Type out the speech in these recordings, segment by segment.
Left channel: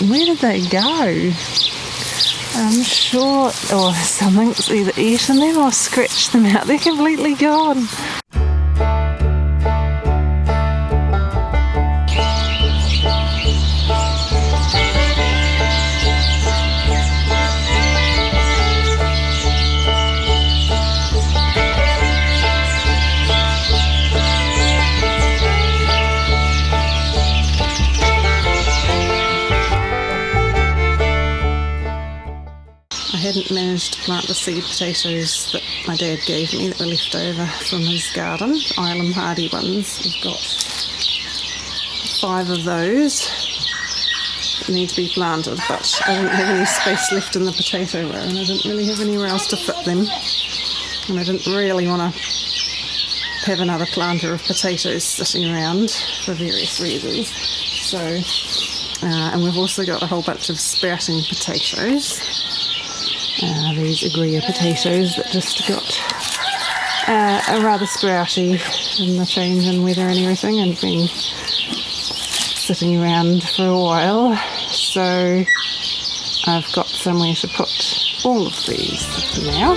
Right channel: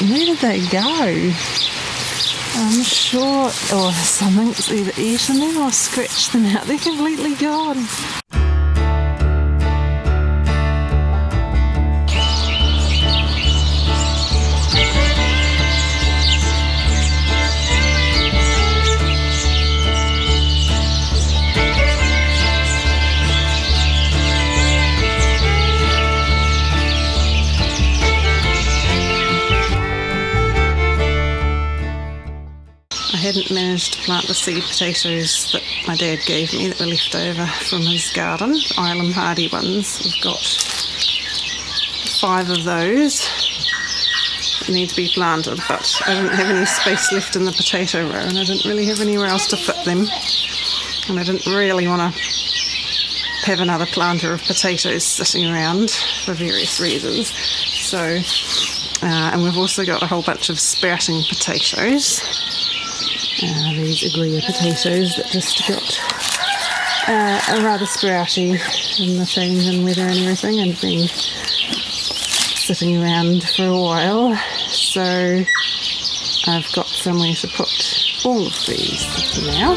Where did they go? I'm sure, or something's either eaten them or scratched them out. They're completely gone. I hadn't managed to plant the seed potatoes that my dad gave me that were left over from his garden, Ilam Hardy ones. We've got 5 of those that need to be planted, but I didn't have any space left in the potato row and I didn't really have anywhere else to fit them. And I didn't really want to have another planter of potatoes sitting around for various reasons. So, and we've also got a whole bunch of sprouting potatoes. These Agria potatoes that just got a rather sprouty in the change in weather and everything and been sitting around for a while. So I've got somewhere to put all of these now.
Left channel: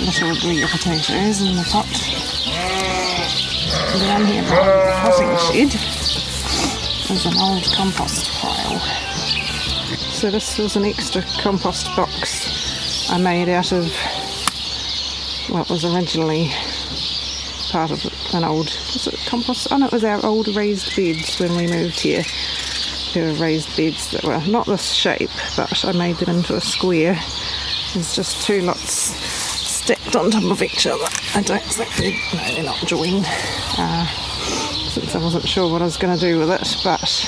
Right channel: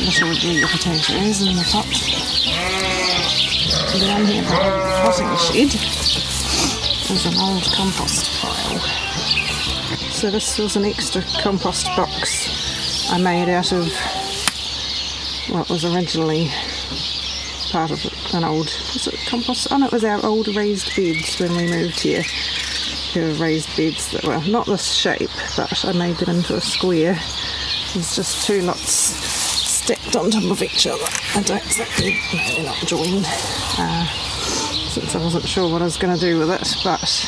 Little Agria potatoes in the pot. Down here behind the potting shed is an old compost pile. So this was an extra compost box I made out of what was originally part of an old, was it compost? Oh no, it was our old raised beds when we moved here. There were raised beds that were not this shape, but I made them into a square. There's just 2 lots stacked on top of each other. I don't think, no, they're not joined, since I wasn't sure what I was going to do with it, but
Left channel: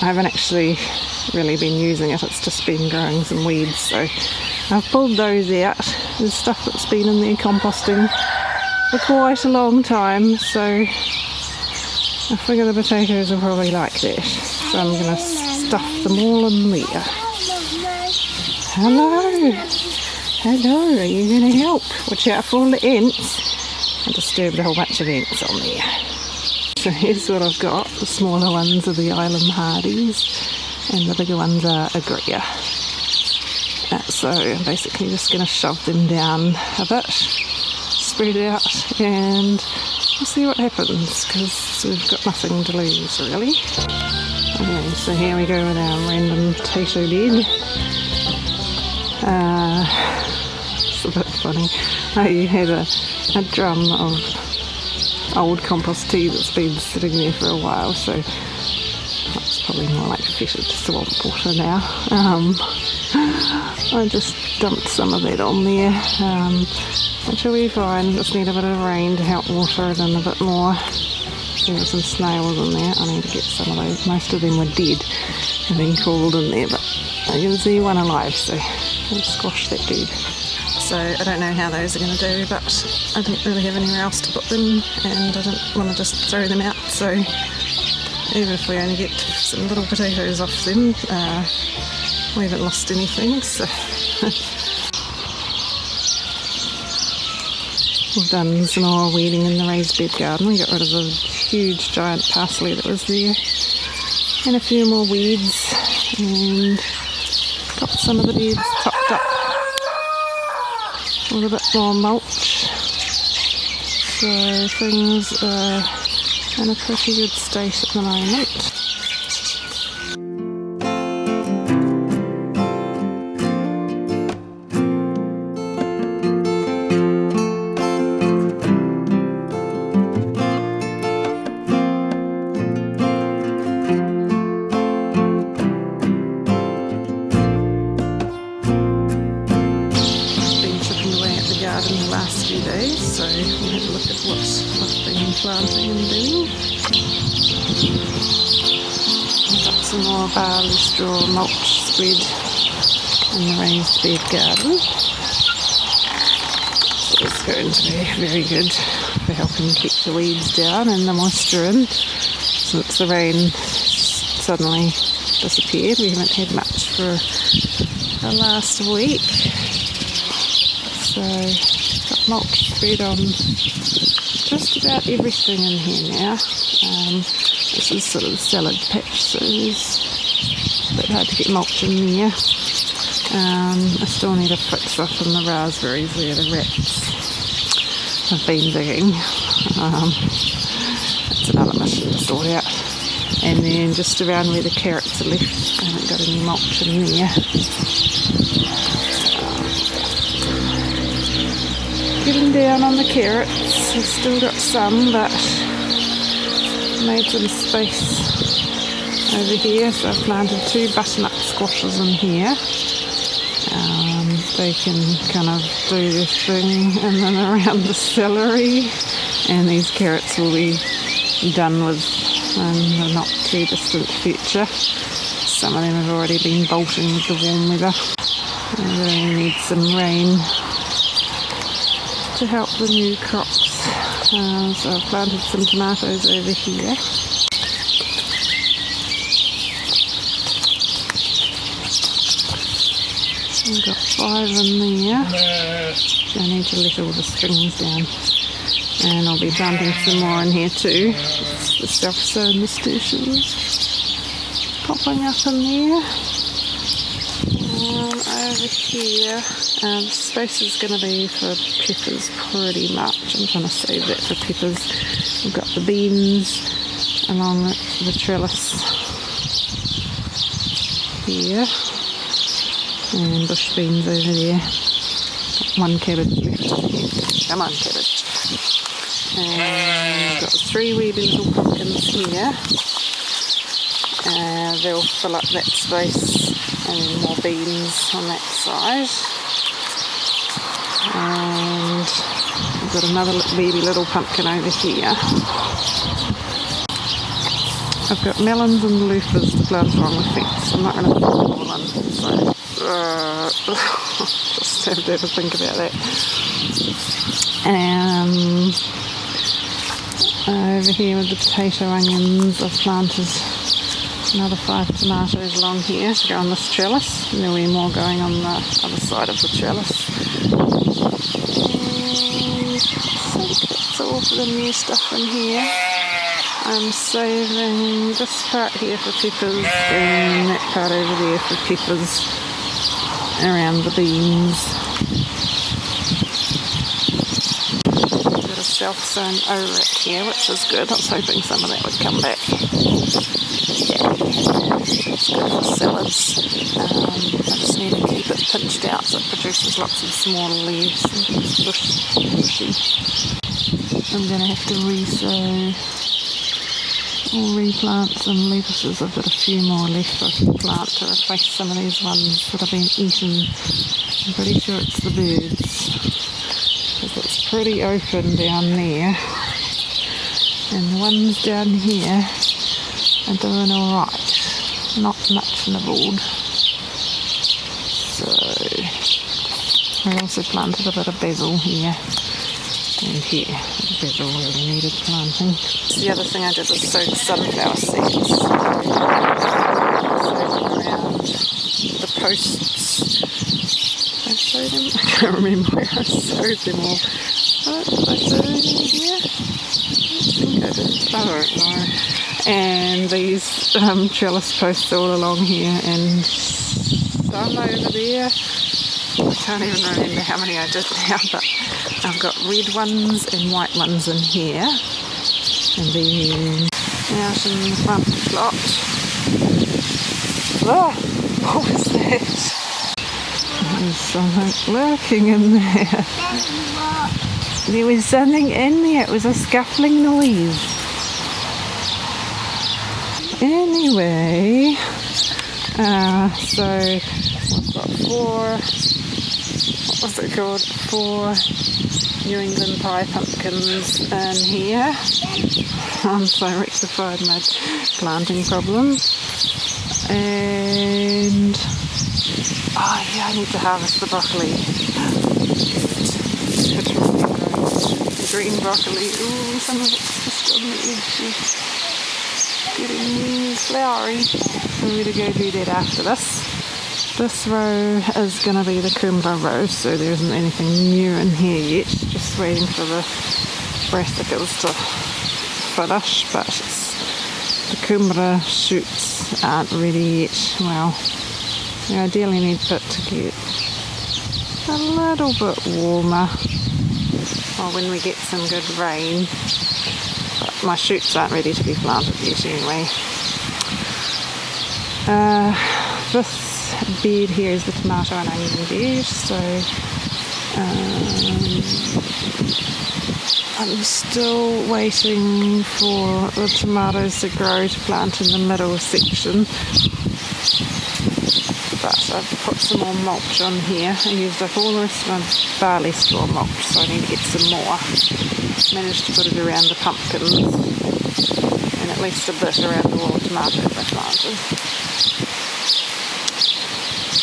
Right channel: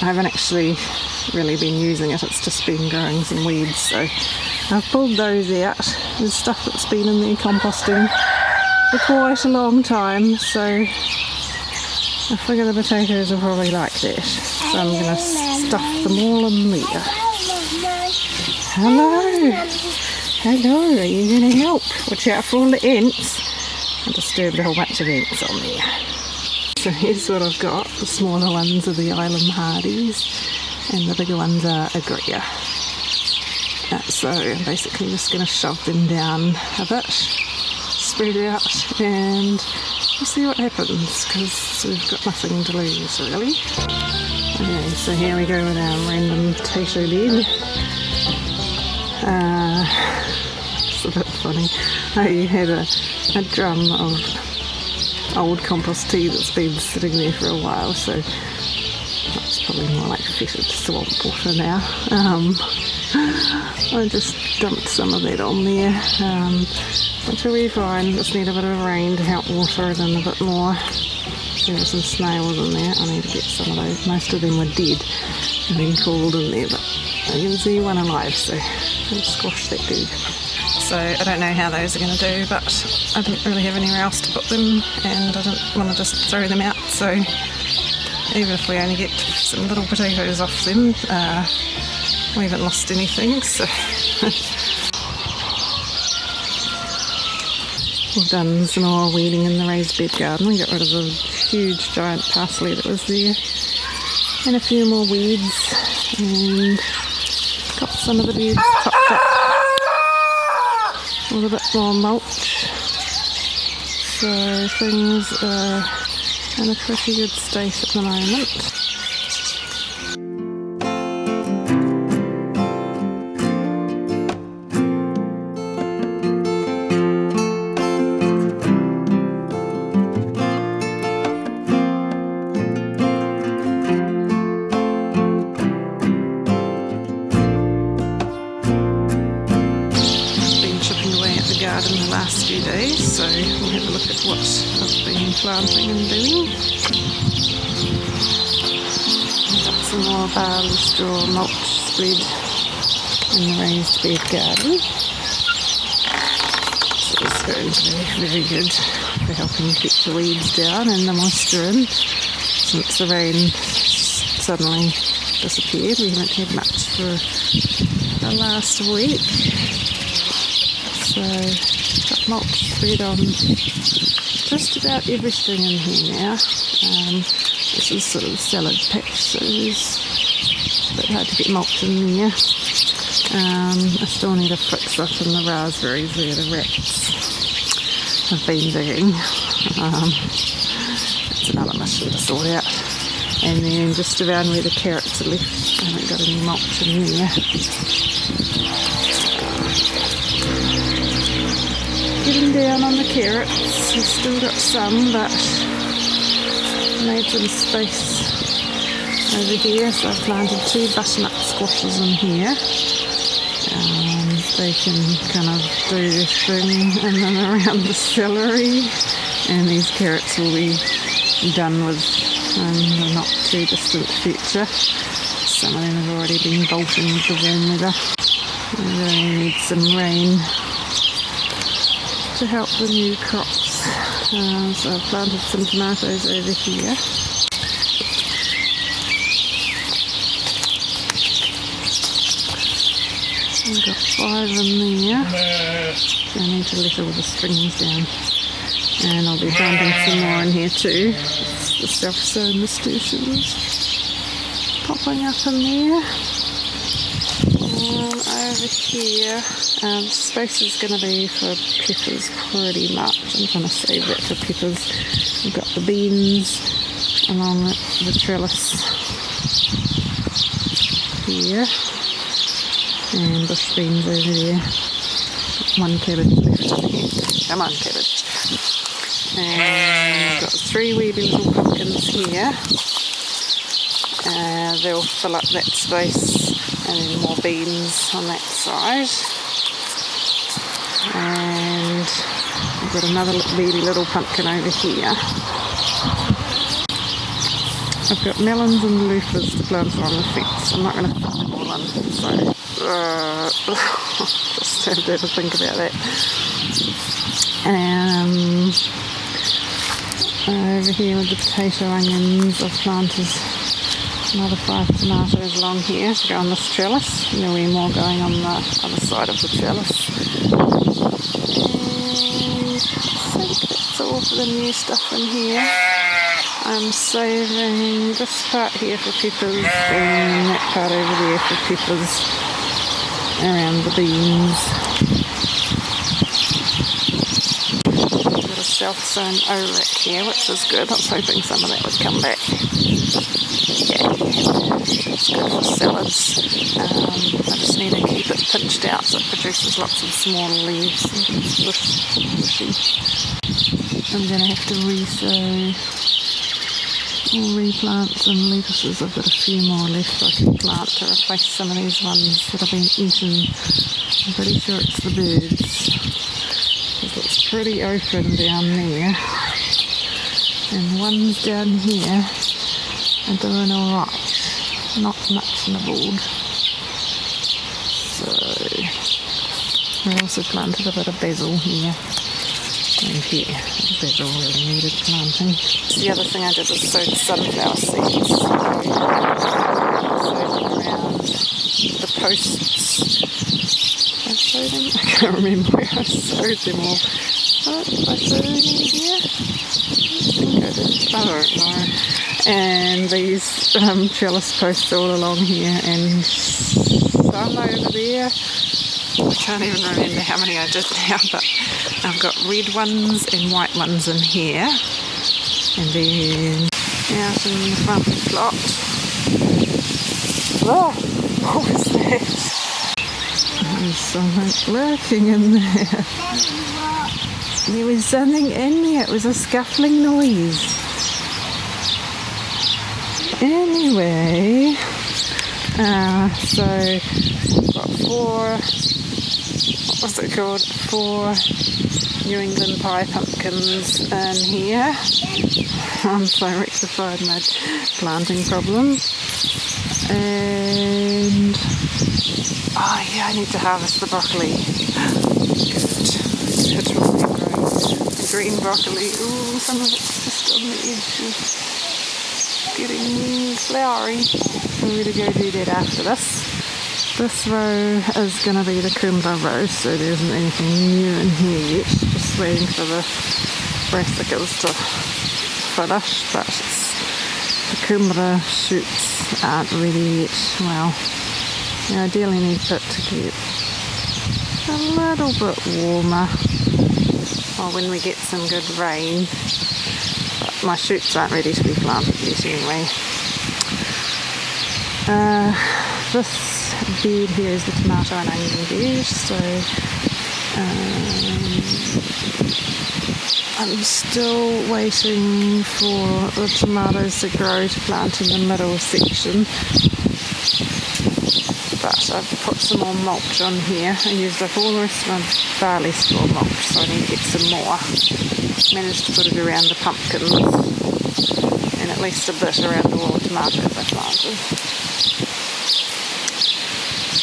I haven't actually really been using it. It's just been growing some weeds, so I've pulled those out. There's stuff that's been in there composting for quite a long time, so I figure the potatoes will probably like that, so I'm going to stuff them all in there. Hello! Hello, are you going to help? Watch out for all the ants. I disturbed a whole bunch of ants on there. So here's what I've got. The smaller ones are the Ilam Hardys and the bigger ones are Agria. So I'm basically just going to shove them down a bit, spread it out, and we'll see what happens because we've got nothing to lose really. Okay, so here we go with our random potato bed. It's a bit funny. I had a drum of old compost tea that's been sitting there for a while, so it's probably more like fetid swamp water now. I just dumped some of that on there, which will be fine. Just need a bit of rain to help water it in a bit more. There were some snails in there. I need to get some of those. Most of them were dead and been cooled in there, but I can see one alive, so I'll squash that dude. So I don't know how those are going to do, but I didn't really have anywhere else to put them and I didn't want to just throw them out, so even if we only get some little potatoes off them, we haven't lost anything. So we've done some more weeding in the raised bed garden. We got rid of the huge giant parsley that was there and a few more weeds, and got some of the beds topped up with a bit more mulch, so things are in a pretty good state at the moment. Garden the last few days, so we'll have a look at what I've been planting and doing. Got some more barley straw mulch spread in the raised bed garden, so it's going to be very good for helping keep the weeds down and the moisture in, since the rain suddenly disappeared. We haven't had much for the last week. So got mulch spread on just about everything in here now. This is sort of the salad patch, so it's a bit hard to get mulch in there. I still need to fix up in the raspberries where the rats have been digging. It's another mission to sort out. And then just around where the carrots are left, I haven't got any mulch in there. Getting down on the carrots, I've still got some, but made some space over here, so I've planted 2 butternut squashes in here. They can kind of do their thing in and around the celery, and these carrots will be done with in the not too distant future. Some of them have already been bolting with the warm weather. I really need some rain to help the new crops. So I've planted some tomatoes over here. I've got 5 in there. So I need to let all the strings down. And I'll be planting some more in here too. The self-sown nasturtiums popping up in there. Over here, the space is going to be for peppers pretty much. I'm trying to save that for peppers. We've got the beans along the trellis here, and bush beans over there. Got 1 cabbage left in here. Come on, cabbage. And we've got 3 wee little pumpkins here. They'll fill up that space, and then more beans on that side. And we've got another baby little pumpkin over here. I've got melons and loofahs to plant along the fence. I'm not going to fit them all in, so just have to think about that. Over here with the potato onions, I've planted another 5 tomatoes along here to go on this trellis, and there'll be more going on the other side of the trellis. And I think that's all for the new stuff in here. I'm saving this part here for peppers and that part over there for peppers around the beans. Got a self-sown ORAC here, which is good. I was hoping some of that would come back. Good for salads. I just need to keep it pinched out so it produces lots of small leaves. Bushy. I'm going to have to re-sow or replant some lettuces. I've got a few more left I can plant to replace some of these ones that have been eaten. I'm pretty sure it's the birds, because it's pretty open down there, and the ones down here are doing alright. Not much nibbled. So I also planted a bit of basil here and here. The basil really needed planting. The other thing I did was sow sunflower seeds. So sowed them around the posts. Did I sow them? I can't remember where I sowed them all. Oh, did I sow them in here? I think I did. I don't know. And these trellis posts all along here, and some over there. I can't even remember how many I did now, but I've got red ones and white ones in here, and then out in the front plot. Oh, what was that? There's something lurking in there. There was something in there. It was a scuffling noise. Anyway, so we've got 4, what was it called, 4 New England pie pumpkins in here. So I rectified my planting problem. And oh yeah, I need to harvest the broccoli. Good. It's really growing. Green broccoli. Ooh, some of it's just on the edge of getting flowery. I'm going to go do that after this. This row is going to be the Kumbra row, so there isn't anything new in here yet. Just waiting for the brassicas to finish, but the Kumbra shoots aren't ready yet. Well, you ideally need it to get a little bit warmer, or when we get some good rain. But my shoots aren't ready to be planted yet anyway. This bed here is the tomato and onion bed, so I'm still waiting for the tomatoes to grow to plant in the middle section. But I've put some more mulch on here and used up all the rest of my barley straw mulch, so I need to get some more. Managed to put it around the pumpkins and at least a bit around the wall of tomatoes I planted.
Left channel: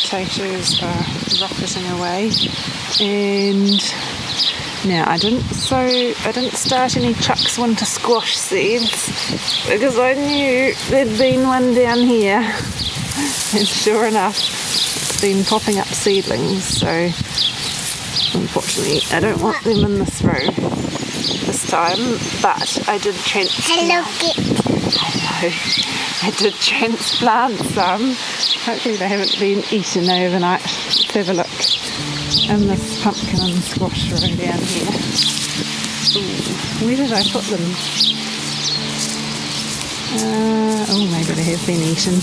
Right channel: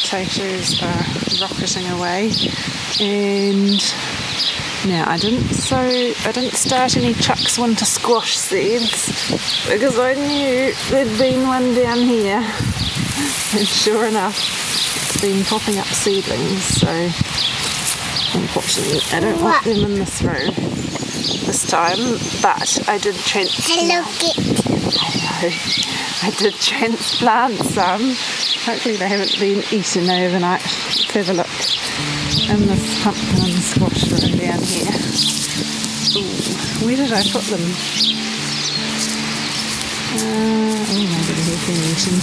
Potatoes are rocketing away, and now I didn't start any Chuck's winter squash seeds because I knew there'd been one down here, and sure enough it's been popping up seedlings, so unfortunately I don't want them in this row this time, but I did transplant. I did transplant some. Hopefully they haven't been eaten overnight. Let's have a look in this pumpkin and squash row down here. Ooh, where did I put them? Oh, maybe they have been eaten.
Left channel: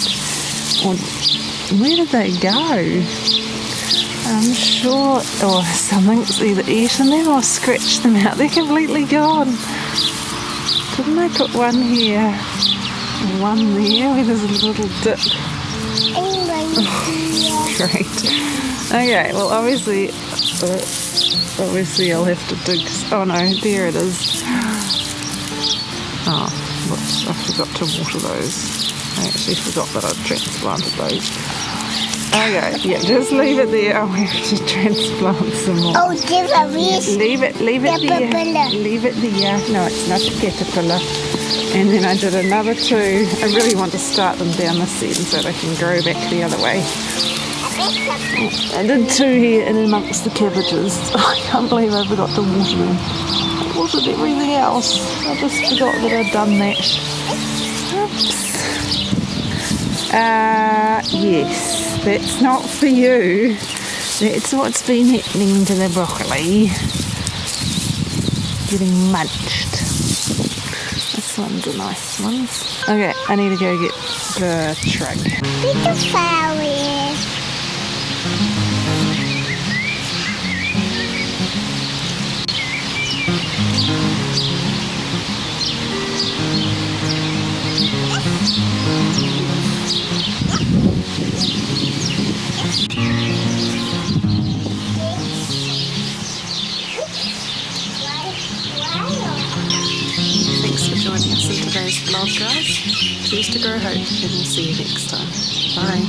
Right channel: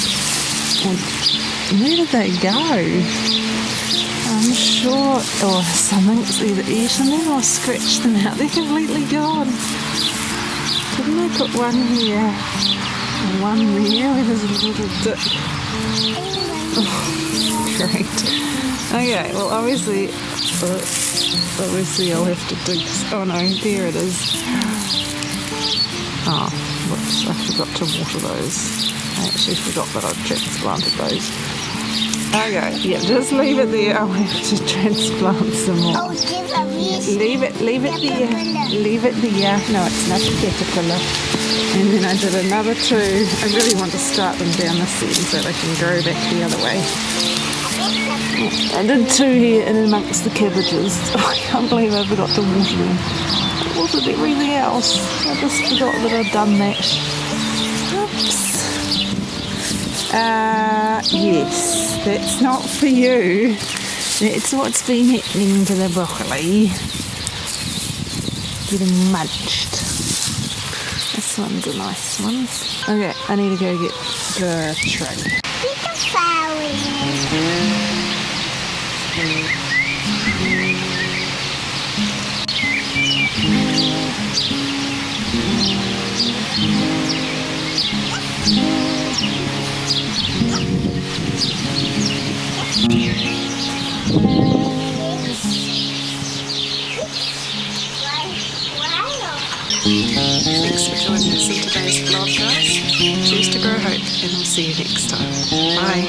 Or where did they go? I'm sure, or something's either eaten them or scratched them out. They're completely gone. Couldn't I put one here? One there with a little dip. Oh, great. Okay, well obviously I'll have to dig. Oh no, there it is. Oh, whoops, I forgot to water those. I actually forgot that I'd transplanted those. Okay, yeah, just leave it there. I'll have to transplant some more. Oh, leave it there. Leave it there. No, it's not a caterpillar. And then I did another two. I really want to start them down this end so they can grow back the other way. I did two here in amongst the cabbages. I can't believe I forgot to water them. I watered everything else. I just forgot that I'd done that. Oops. Yes, that's not for you. That's what's been happening to the broccoli. Getting munched. This one's a nice one. Okay, I need to go get the truck. Thanks for joining us in today's vlog, guys. Choose to grow hope, and we'll see you next time. Bye.